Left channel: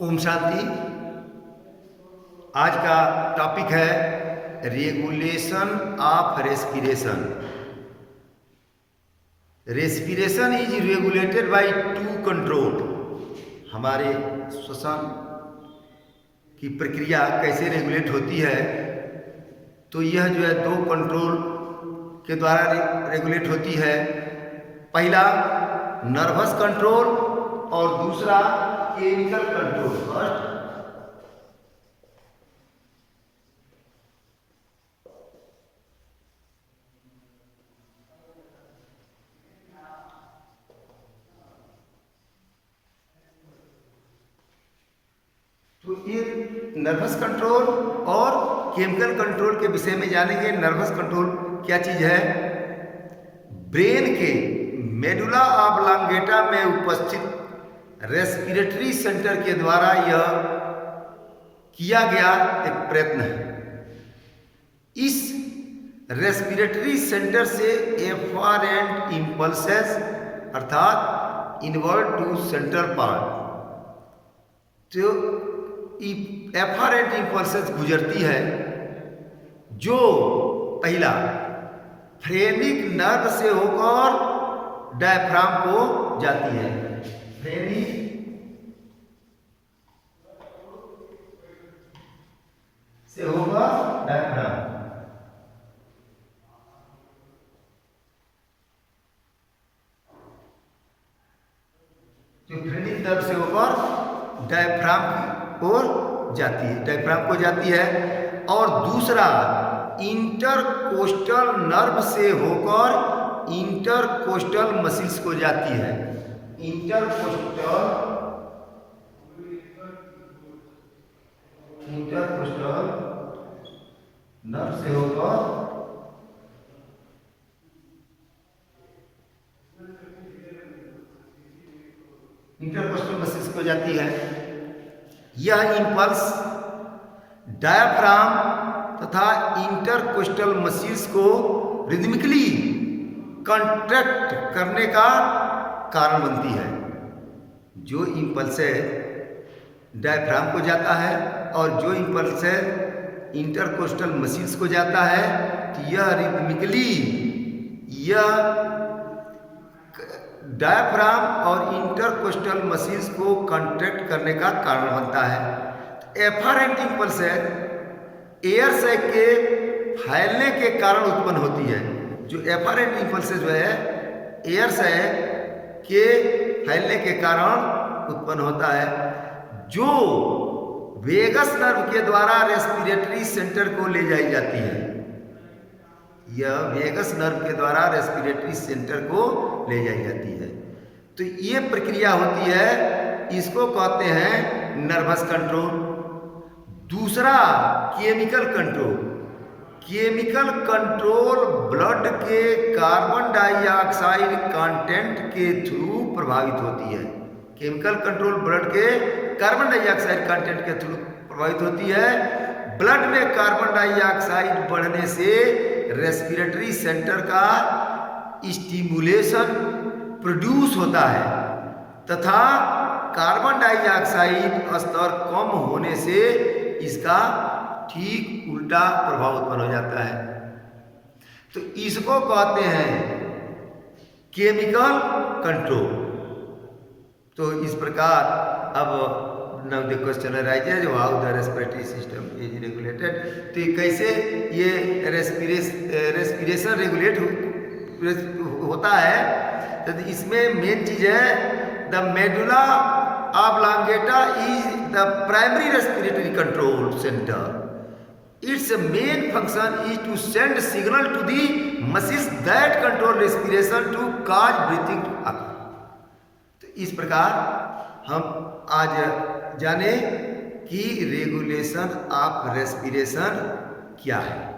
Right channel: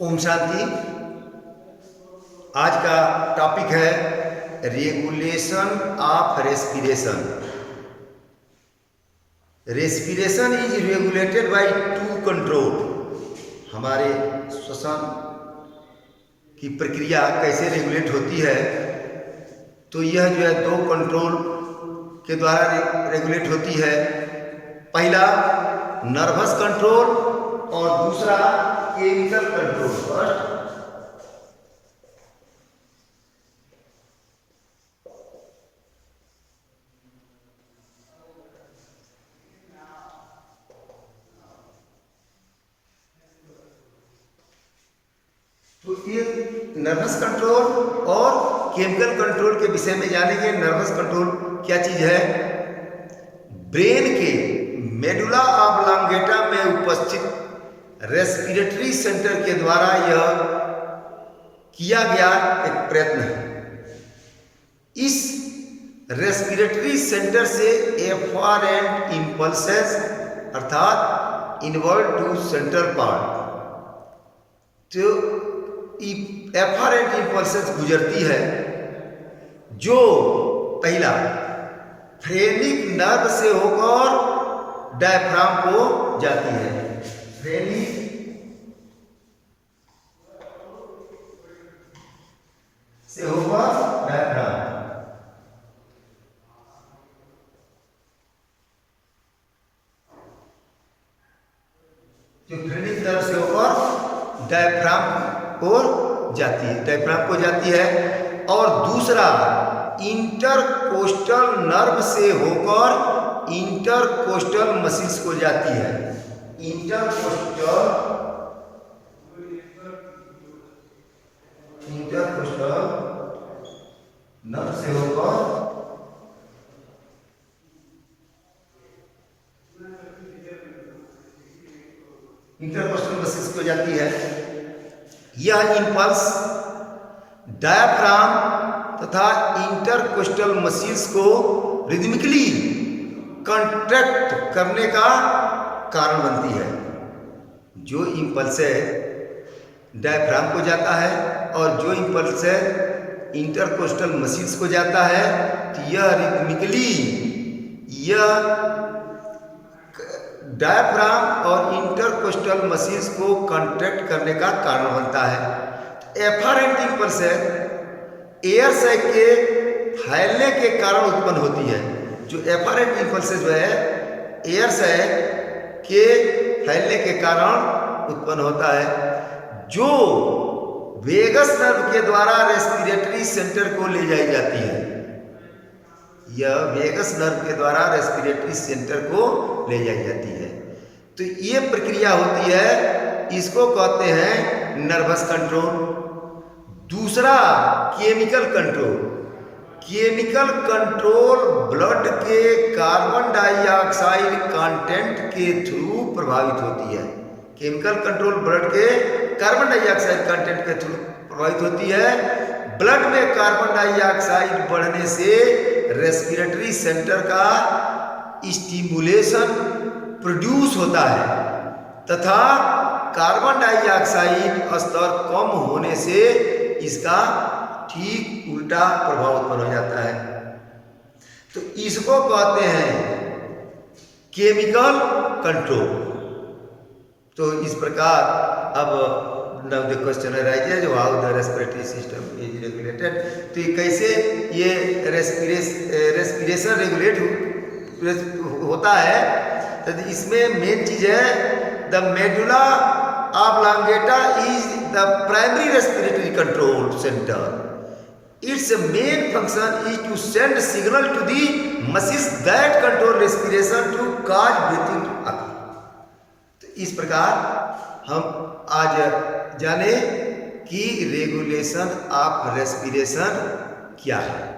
ओम शांति। आज का टॉपिक है regulation of respiration. Respiration is regulated by two control. हमारे श्वसन की प्रक्रिया कैसे रेगुलेट होती है, तो यह जो है दो कंट्रोल के द्वारा रेगुलेट होती है। पहला नर्वस कंट्रोल और दूसरा केमिकल कंट्रोल। फर्स्ट तो ये नर्वस कंट्रोल और केमिकल कंट्रोल के विषय में जानेंगे। नर्वस कंट्रोल क्या चीज है? ब्रेन के मेडुला ऑब्लांगेटा में उपस्थित रेस्पिरेटरी सेंटर के द्वारा यह किया गया एक प्रयत्न है। इस रेस्पिरेटरी सेंटर से एफरेंट इंपल्सेस अर्थात इनवर्ड टू सेंट्रल पार्ट, तो एफरेंट इंपल्सेस गुजरती है, जो पहला फ्रेनिक नर्व से होकर डायफ्राम को जाती है। फ्रेनिक से होकर डायफ्राम, जो फ्रेनिक नर्व से होकर डायफ्राम की ओर जाती है, डायफ्राम को जाती है। और दूसरा इंटरकोस्टल नर्व से होकर इंटरकोस्टल मसल्स को जाती है। इंटरकोस्टल नर्व से होकर इंटरकोस्टल मसल्स को जाती है। यह इंपल्स डायफ्राम तथा इंटरकोस्टल मसल्स को रिदमिकली कॉन्ट्रैक्ट करने का कारण बनती है। जो इंपल्स है डायफ्राम को जाता है और जो इंपल्स है इंटरकोस्टल मसल्स को जाता है, तो यह रिदमिकली यह डायफ्राम और इंटरकोस्टल मसल्स को कॉन्ट्रैक्ट करने का कारण बनता है। एफरेंट इंपल्स है एयर सैक के फैलने के कारण उत्पन्न होती है। जो एफरेंट इंपल्सेस जो है एयर सैक के फैलने के कारण उत्पन्न होता है, जो वेगस नर्व के द्वारा रेस्पिरेटरी सेंटर को ले जाई जाती है। यह वेगस नर्व के द्वारा रेस्पिरेटरी सेंटर को ले जाई जाती है। तो ये प्रक्रिया होती है, इसको कहते हैं नर्वस कंट्रोल। दूसरा chemical control. Chemical control blood के कार्बन डाइऑक्साइड कंटेंट के थ्रू प्रभावित होती है। केमिकल कंट्रोल ब्लड के कार्बन डाइऑक्साइड कंटेंट के थ्रू प्रभावित होती है। ब्लड में कार्बन डाइऑक्साइड बढ़ने से रेस्पिरेटरी सेंटर का स्टिमुलेशन प्रोड्यूस होता है तथा कार्बन डाइऑक्साइड स्तर कम होने से इसका ठीक उल्टा प्रभाव उत्पन्न हो जाता है। तो इसको कहते हैं केमिकल कंट्रोल। तो इस प्रकार अब now the question arises how the respiratory system is regulated. तो ये कैसे ये रेस्पिरेशन रेगुलेट होता है, तो इसमें मेन चीज है the medulla oblongata is the primary respiratory control centre. Its main function is to send signal to the muscles that control respiration to cause breathing to occur. तो इस प्रकार हम आज जाने कि रेगुलेशन ऑफ रेस्पिरेशन क्या है।